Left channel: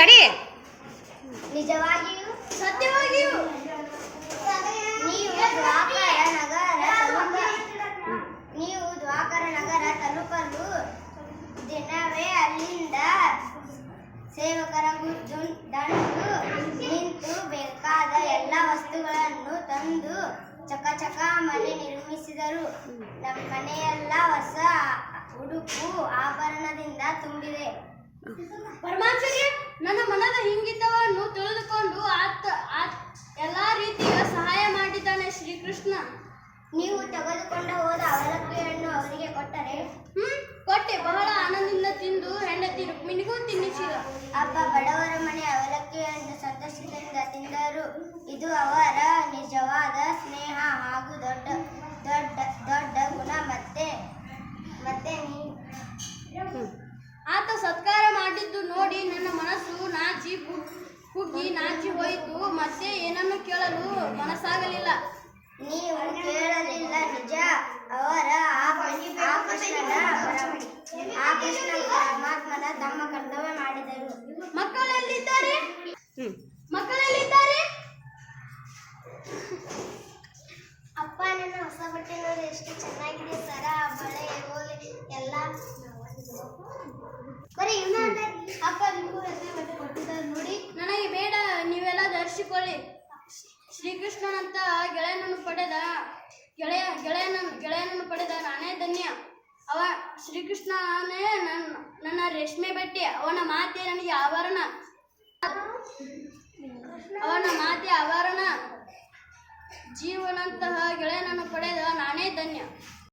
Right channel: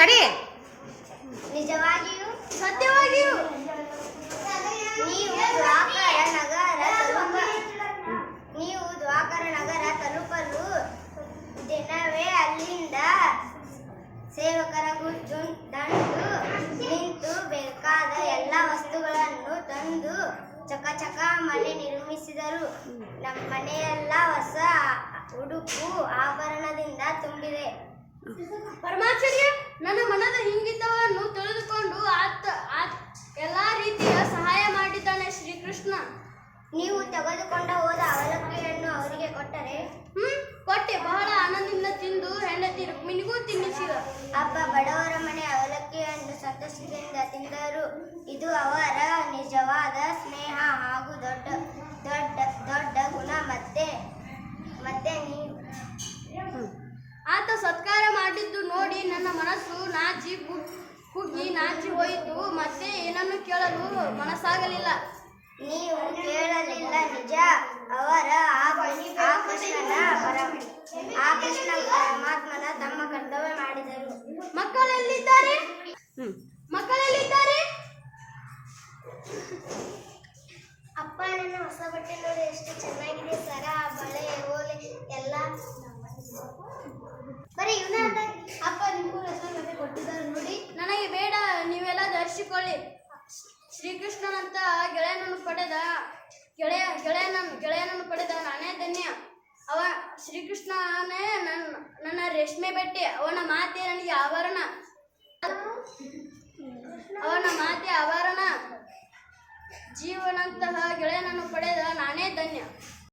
ಕಡಿ ನಿಜವಾಗಿಯೂ ಸತ್ಯವಾಗಿಯೂ. ನೀವು ದ್ವಾಪರ ನಗರ ತಲುಪ ನೀವು ದ್ವಾಪರ ನಗರ ತಲುಪಲು ದಿನವೇ ಅಲ್ಲಿಂದ ಸೇವಕರ ಗುಜ್ಜು ದಂಡು ನಿಂತು ಬೇಕಾದ ಎಲ್ಲ ವಸ್ತುಗಳನ್ನು ತಂದು ಚಕಚಕ ಮನೆ ನಿರ್ಮಿಸಿದರು. ನಮ್ಮ ಮನೆಯೆಲ್ಲ ಹೊಸ ಉಡುಪು ಆಭರಣದಿಂದ ತುಂಬಿದೆ. ಪರಮಾಚಾರ್ಯ ನನ್ನ ಮನದ ಹಿಂಗಿತವನ್ನು ತಿಳಿದುಕೊಂಡು ಆತ ಎಲ್ಲಾ ರೀತಿಯ ಸಹಾಯ ಮಾಡಿದ್ದಾನೆ ಶ್ರೀಕೃಷ್ಣ. ನೀವು ತೆಗೆದುಕೊಂಡು ಹೋದ ಅವಲಕ್ಕಿಯನ್ನು ಅವರಿಗೆ ಕೊಟ್ಟರೆ? ಹ್ಮ್, ಕೊಟ್ಟೆ. ಬಹಳ ಆನಂದದಿಂದ ತಿಂದು ಹೆಂಡತಿ ರುಕ್ಮಿಣಿಗೂ ತಿನ್ನಿಸಿದ. ಅಪ್ಪ ಬಡವರ ಮನೆ ಅವಲಕ್ಕಿಯನ್ನು ಸಂತೋಷದಿಂದ ತಿಂದರು. ಇದು ಅವರ ನಿಜವಾದ ಸ್ನೇಹ ಹಾಗೂ ದೊಡ್ಡ ದೊಡ್ಡ ದೊಡ್ಡ ಗುಣ. ನೋಡಿ ನನ್ನ ಮನಸ್ಸು ನಾಚಿ ಕುಗ್- ಕುಗ್ಗಿ ನಾಚಿ ಹೋಯಿತು. ಮತ್ತೆ ಏನನ್ನು ಕೇಳಲು ಮನಸ್ಸಾಗಲಿಲ್ಲ. ನೀವು ಕೇಳಲಿಲ್ಲ ನಿಜ? ಅವರ ಆ ಕೃಷ್ಣನ ಪರಮ ಆ ಕೃಷ್ಣ ಪರಮಾತ್ಮನ ತಮ್ಮ ಕರ್ತವ್ಯ ಮಾಡಿದರು. ಮಕ್ಕಳೆಲ್ಲಿದ್ದಾರೆ? ಮಕ್ಕಳಲ್ಲಿದ್ದಾರೆ? ಅಪ್ಪ ನನ್ನ ಹೊಸ ಬಟ್ಟೆ ನೋಡಿ ಎಷ್ಟು ಚೆನ್ನಾಗಿದೆ ಸರ ಬಳೆ ಓಲೆ ಎಲ್ಲ. ಅಪ್ಪ ನಿಮಗೂ ಬಟ್ಟೆ ಕೊಟ್ಟಿದ್ದಾರೆ ನೋಡಿ. ನನಗೆ ಬೇಡ, ನೀವೆಲ್ಲ ಧರಿಸಿಕೊಳ್ಳಿ. ಶ್ರೀಕೃಷ್ಣನಂತ ಗೆಳೆಯನನ್ನು ಪಡೆದ, ಗೆಳೆಯ ಗೆಳೆಯನ ಗೆಳೆಯನನ್ನು ಪಡೆದ ನಾನೇ ಧನ್ಯ. ಅವ, ಶ್ರೀಕೃಷ್ಣನೇ ನನ್ನ ನನ್ನ ರೇಷ್ಮೆ ಬಟ್ಟೆ, ಅವನ ಮಾತೆ ನನಗೆ ಆವರಣ. ಅವನ ಮಾತೆ ಆವರಣ. ಜೀವನಂತಹ ಗೆಳೆಯನನ್ನು ಪಡೆದ ನಾನೇ ಧನ್ಯ.